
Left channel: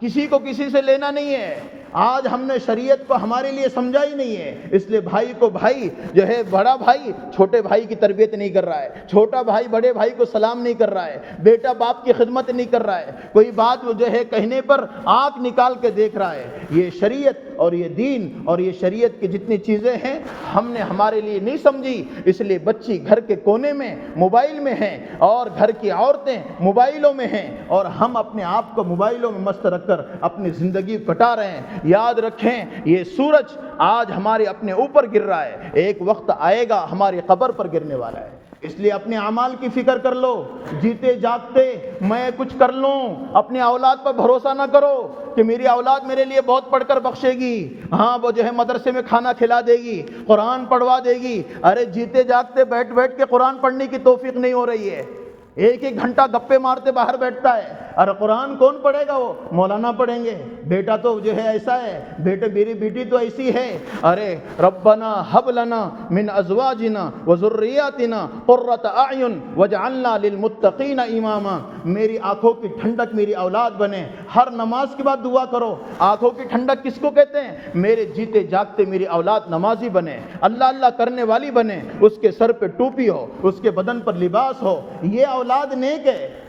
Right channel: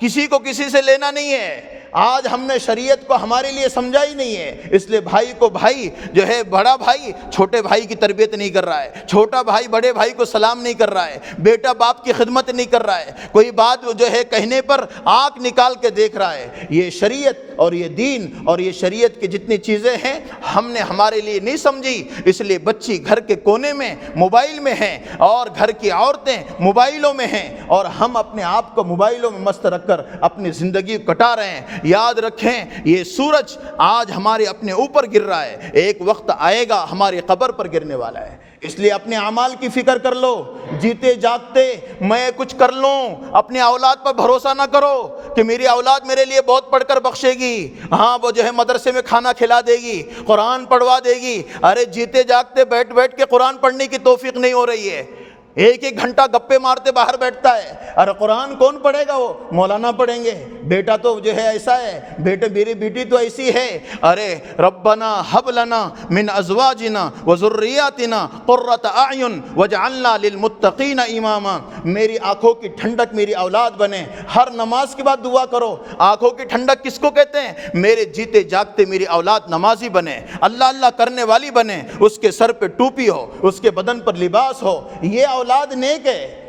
کسی کو کسی سے لینا نہیں ہے، آج ہم نے شریعت کو ہمارے لیے سمجھا ہی نہیں ہے، اس لیے بھائی کو بھائی جو ہے، بڑا بھائی چھوٹے بھائی کی تربیت نہیں کر رہا ہے، چھوٹا بھائی بڑے بھائی کو سلام نہیں کر رہا ہے، بیٹا باپ کی خدمت نہیں کر رہا ہے، کوئی بات جو ہے کہنے پر آنکھ نکال کے دیکھ رہا ہے۔ یہ شریعت اور یہ دین اور یہ شریعت کی جتنی چیزیں ہیں ہم نے ہمارے لیے نہیں سمجھی، اس لیے بچی گھر کے کونے میں موبائل میں ہیں اور گھر کی عورتیں موبائلوں میں ہیں، اور ہم اپنے آپ کو موبائلوں میں مست رکھ کر اپنی زندگی کٹا رہے ہیں۔ یاد رکھیں یہ سورج آج ہمارے اپنے اوپر گر رہا ہے، ایک وقت آئے گا ہماری قبر پر گرنے والا ہے، اس لیے اپنے اعمال کی فکر کر لو، جیتے جاگتے میں کچھ کر لوں۔ اپنے اولاد پر بھروسہ نہ کرو کہ میری اولاد میرے لیے بہت پڑھ کر بخشے گی، ہاں وہ جو ہے مدرسے میں کھانا کھلا دے گی، قرآن پڑھوا دے گی۔ ارے جیتے جاگتے بیٹھ بیٹھ کے قرآن پڑھنے کی توفیق نہیں ہو رہی ہے، ایک ایک گھنٹہ گپے مارتے باہر بیٹھتا ہے۔ ارے قرآن کون پڑھے گا؟ وہ مولانا پڑھیں گے۔ بیٹا تو جو ہے ایسا ہے، بیٹے میری بیٹی تو ایسی ہے۔ ارے ربنا حب لنا من ازواجنا وذریاتنا قرۃ اعین واجعلنا للمتقین اماما۔ میری آنکھوں کی ٹھنڈک میری اولاد بنے۔ ہر نماز کے بعد دعا کرو۔ آنکھوں کی ٹھنڈک کس کو کہتے ہیں؟ میرے جیتے جاگتے میری اولاد نمازی بنے، اللہ اللہ کرنے والی بنے، اس کے سر پہ ٹوپی ہو، اس کے بدن پر لباس ہو، یہ اولاد نیک ہے۔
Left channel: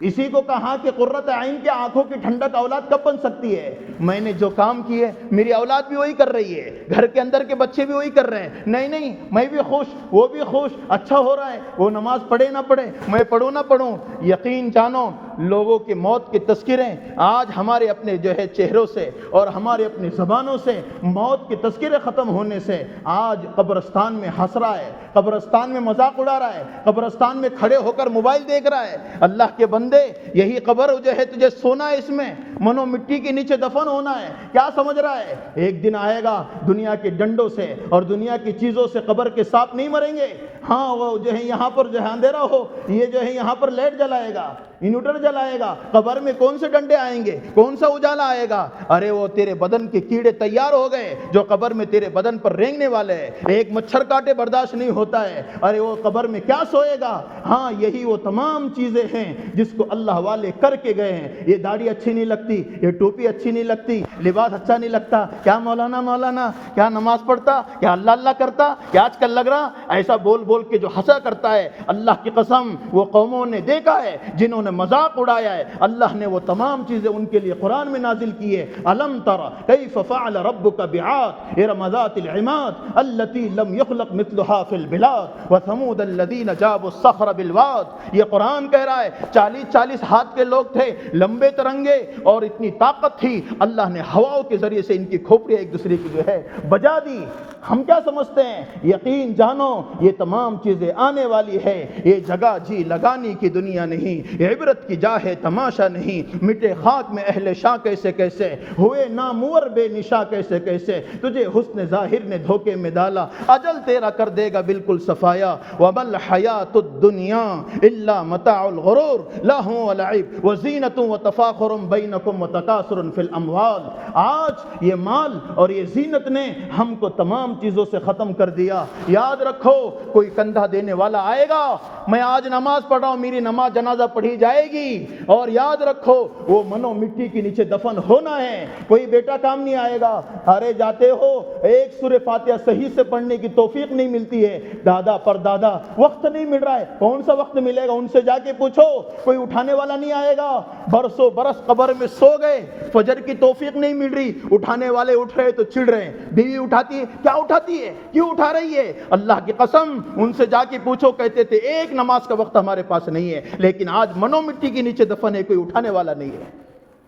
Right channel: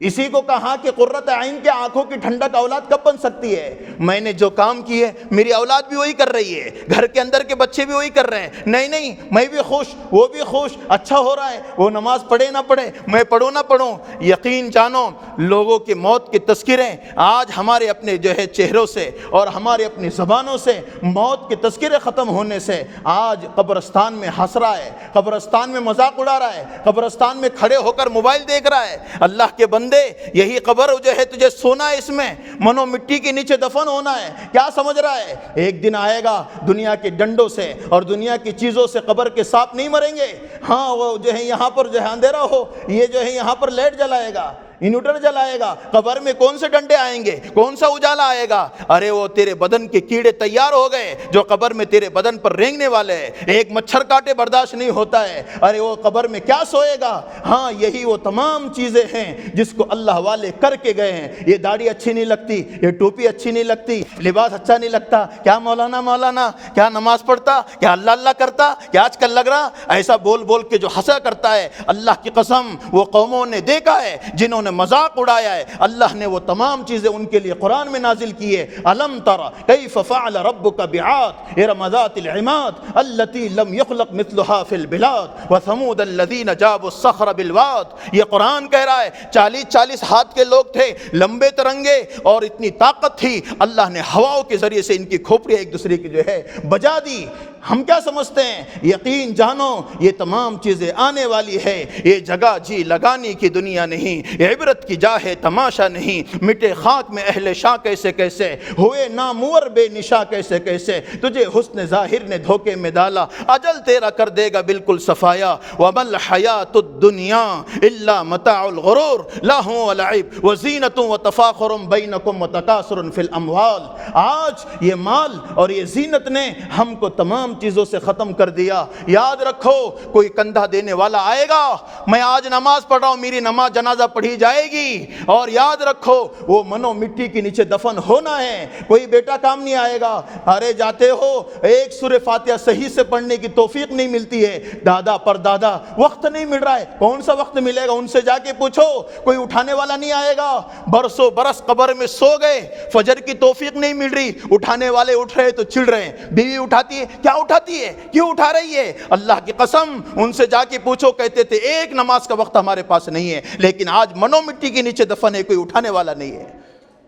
اسی کو کہا کہ قرۃ عین کے آنکھوں کی ٹھنڈک اولاد کب بن سکتی ہے؟ میں نے جو کام کی ہے میری اولاد بھی وہی کر رہی ہے، گھر کے اندر کے بچے بھی وہی کر رہے ہیں۔ نہیں نہیں میں بھی خوش، وہ بھی خوش، اچھا ہو رہا ہے، وہ نماز پڑھے نہ پڑھے، میں پڑھوں نہ پڑھوں۔ یقین جانو لوگوں کی موت کے تذکرے آج ہمارے اپنے جو ہے چہروں سے اور ہمارے اپنی زبانوں سے موت کے تذکرے ختم ہونے سے آج قبرستان میں ہنس رہا ہے، قبرستان میں مذاق اڑا رہا ہے، قبرستان میں کھڑے ہو کر موبائل دیکھ رہا ہے۔ اللہ کے بندے یہی قبر جو ہے تجھے سونا ہے، اس میں منو مٹی کے نیچے دفن ہونا ہے، کیا سمجھ رہا ہے؟ ایک دن آئے گا دنیا کے ڈنڈوں سے اور دنیا کی چیزوں سے قبر کے سانپ نہیں مریں گے۔ ہاں وہ جو ہے یہاں پر جو ہے اندھیرا ہو، یہ جو ہے یہاں پر لائٹ جلائے گا، انورٹر جلائے گا، قبر میں کون سے ڈنڈے آئیں گے، کون سا اجالا آئے گا؟ ارے وہ تیرے بدن کے کیڑے تیار ہو گئے جو قبر میں تیرے بدن پر رینگنے والے ہیں، ایک مچھر کاٹے برداشت نہیں ہوتا ہے۔ ارے وہ قبر میں کیا سوئے گا؟ ہاں یہی وہ تمام چیزیں ہیں جس کو اللہ والے کر کے گئے ہیں۔ یہ داڑھی اچھی نہیں لگتی، یہ ٹوپی اچھی نہیں لگتی، لباس اچھا نہیں لگتا، کیا مولانا کیا نماز پڑھتا، کیا اللہ اللہ کرتا، کیا آج کل لگ رہا، ایسا بول بول کے جو ہنسا کرتا ہے۔ اللہ کی قسم وہ قوموں نے دیکھا ہے جنہوں نے مذاق اڑایا ہے، اللہ نے وہ تمام چیزیں ان کے لیے قرآن میں نازل کی ہے۔ الم تر کیف فعل ربک بعاد ارم ذات العماد التي لم يخلق مثلها في البلاد وثمود الذين جابوا الصخر بالواد۔ یہ قرآن کہہ رہا ہے 40 ہاتھ کے لوگ تھے، لمبے ترنگے اور اتنی طاقت تھی، اللہ نے ہواؤں کے ذریعے سے ان کی کھوپڑیاں ایک دوسرے کی جو ہے بجا دی۔ ہم کیا سمجھتے ہیں؟ یقین جانو یہ تمام چیزیں آنے والی ہے، یہ جگہ جی لگانے کی دنیا نہیں، یہ عبرت کی جا ہے تماشا نہیں۔ مٹے خاک میں اہل شاہ کیسے کیسے، ہوئے نامور بے نشاں کیسے کیسے، تجھے حسن ظاہر نے دھوکے میں ڈالا، اجل تیرا کر دے گا بالکل صفایا۔ وَمَا الْحَيَاةُ الدُّنْيَا إِلَّا مَتَاعُ الْغُرُورِ لَهْوٌ وَلَعِبٌ وَزِینَةٌ وَتَفَاخُرٌ بَیْنَکُمْ وَتَکاثُرٌ فِی الْأَمْوَالِ۔ آج یہ مال اور یہ زینت نے ہم کو تمام چیزوں سے ختم کر دیا۔ یاد رکھو کوئی کندھا دینے والا آئے گا، میں آج نماز پڑھ رہا ہوں، میری نماز جنازہ پڑھی جائے گی، اور یاد رکھو وہ منو مٹی کے نیچے دفن ہونا ہے، کوئی بیٹا کام نہیں آئے گا۔ ارے جاتے ہو ایک سورہ فاتحہ صحیح سے پڑھنے کی توفیق نہیں ملتی ہے، دادا پر دادا وقت نہیں مل رہا ہے، کون سا وقت ملے گا؟ ان سے جا کے پوچھو، کوئی اٹھانے والا نہیں آئے گا۔ برسوں برس قبر میں سو گئے، فجر کی توفیق نہیں مل رہی، اٹھانے والے اٹھ رہے تو چڑ رہے ہیں، بیوی اٹھاتی ہے، کیا اٹھاتی ہے، کیوں اٹھا رہی ہے؟ اللہ کی قسم ان سے جا کے پوچھو، کہتے تھے ایک نماز کا وقت ہمارے پاس نہیں ہے، لیکن آج منو مٹی کے نیچے دفن ہے، کوئی اٹھانے والا نہیں ہے۔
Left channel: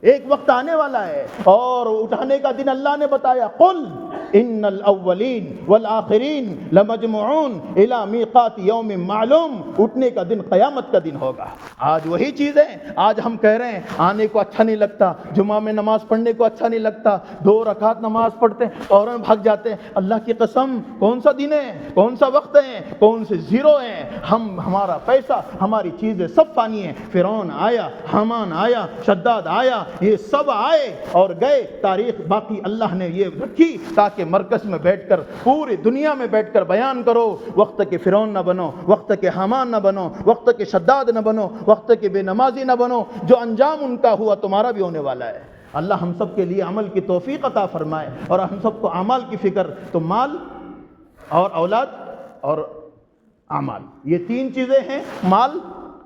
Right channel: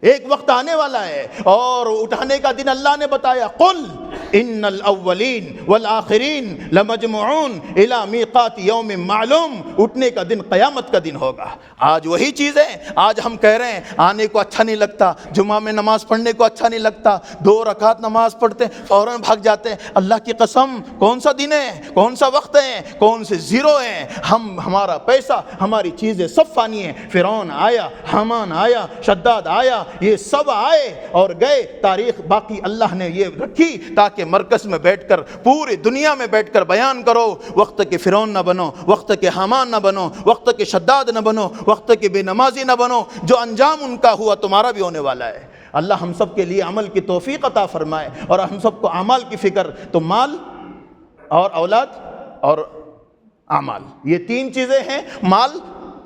ایک وقت آنے والا ہے اور اٹھانے کا دن اللہ نے بتایا، قل ان الاولین والآخرین لمجموعون الی میقات یوم معلوم، اٹھنے کا دن قیامت کا دن ہوگا۔ آج وہی چیز ہے، آج ہم کہہ رہے ہیں آنے کو اچھا نہیں لگتا، جمعہ میں نماز پڑھنے کو اچھا نہیں لگتا، 2 رکعت نماز پڑھتے فوراً بھاگ جاتے ہیں۔ اللہ کی قسم، کون سا دن ہے، کون سا وقت ہے، کون سے زیرو ہیں؟ ہمارا پیسہ، ہماری چیزیں سب فانی ہیں۔ فرعون آیا، حامان آیا، شداد آیا، یہ سب آئے اور گئے، تاریخ باقی اللہ نے یہ رکھی تاکہ مرکز میں بیٹھ کر پوری دنیا میں بیٹھ کر بیان کرو۔ وقت کے فرعون نہ بنو، وقت کے حامان نہ بنو، وقت کے شداد نہ بنو، وقت کے بے نمازی نہ بنو۔ جو انجام ان کا ہوا تمہارا بھی ہونے والا ہے۔ اللہ ہم سب کے لیے عمل کی توفیق عطا فرمائے اور ہم سب کو اعمال کی فکر، تو مال اور اولاد اور اعمال، یہ 3 چیزیں ہیں۔ مال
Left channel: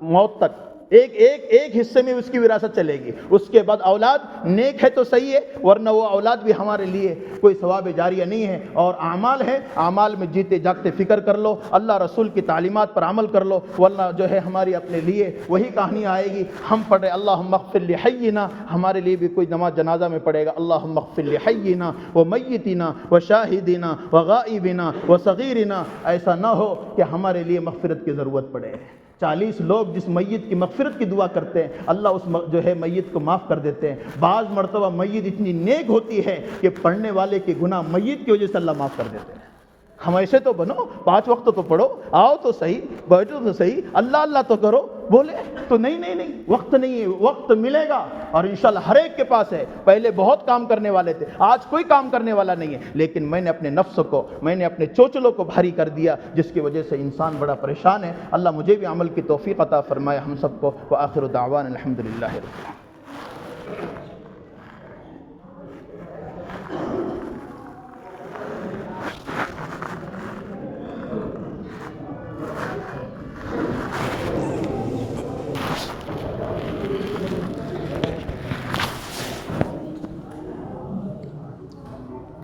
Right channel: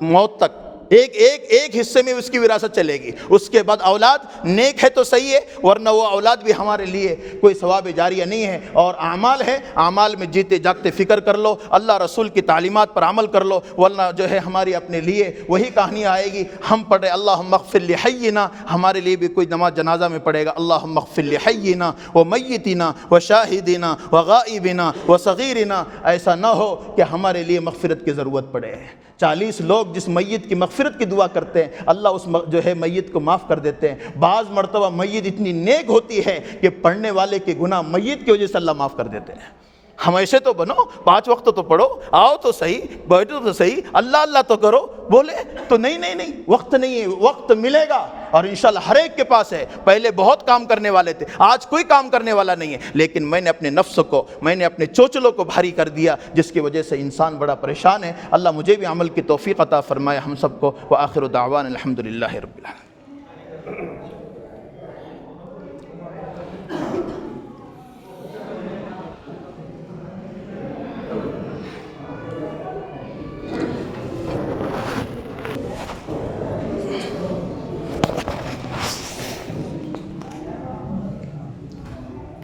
موت تک ایک حصے میں اس کی وراثت چلے گی، اس کے بعد اولاد نیک ہے تو صحیح ہے، ورنہ وہ اولاد بھی ہمارے لیے کوئی ثواب جاریہ نہیں ہے۔ اور اعمال ہے، اعمال میں جیتے جاگتے فکر کر لو، اللہ رسول کی تعلیمات پر عمل کر لو، ورنہ جو ہے ہماری اپنے لیے وہی کہانی آئے گی۔ ہم پڑھے اللہم اغفر لحینا، ہمارے لیے بھی کوئی نماز جنازہ میں پڑھے گا اللہم اغفر لحینا ومیتنا وشاہدنا وغائبنا وصغیرنا، ایسا نہ ہو کہ ہمارے لیے مغفرت کی ضرورت پڑے۔ 40 لوگ جس میت کی مغفرت کی دعا کرتے ہیں، اللہ اس جو ہے میت کو معاف کر دیتے ہیں۔ بعض مرتبہ میت اتنی نیک ہوتی ہے کہ پڑھنے والے کے گناہ میت کی وجہ سے اللہ معاف کر دیتے ہیں۔ ہمیشہ تو بنو، 5 وقت تو پڑھو، آؤ تو صحیح، بیٹھو تو صحیح، اللہ اللہ تو کرو، بولے تو نہیں، وقت نہیں ہے، وقت ملے گا اور انشاءاللہ ہر ایک کے پاس ہے۔ پہلے بہت کام کرنے والے تھے، آج کوئی کام کرنے والا نہیں ہے، لیکن میں نے اپنے نفس کو، میں نے اپنے چوچلوں کو بھاری کر دیا، جس کی وجہ سے انسان بڑا پریشان ہے۔ اللہ مجھے بھی عمل کی توفیق عطا فرمائے، ہم سب کو۔ وآخر دعوانا الحمدللہ رب العالمین۔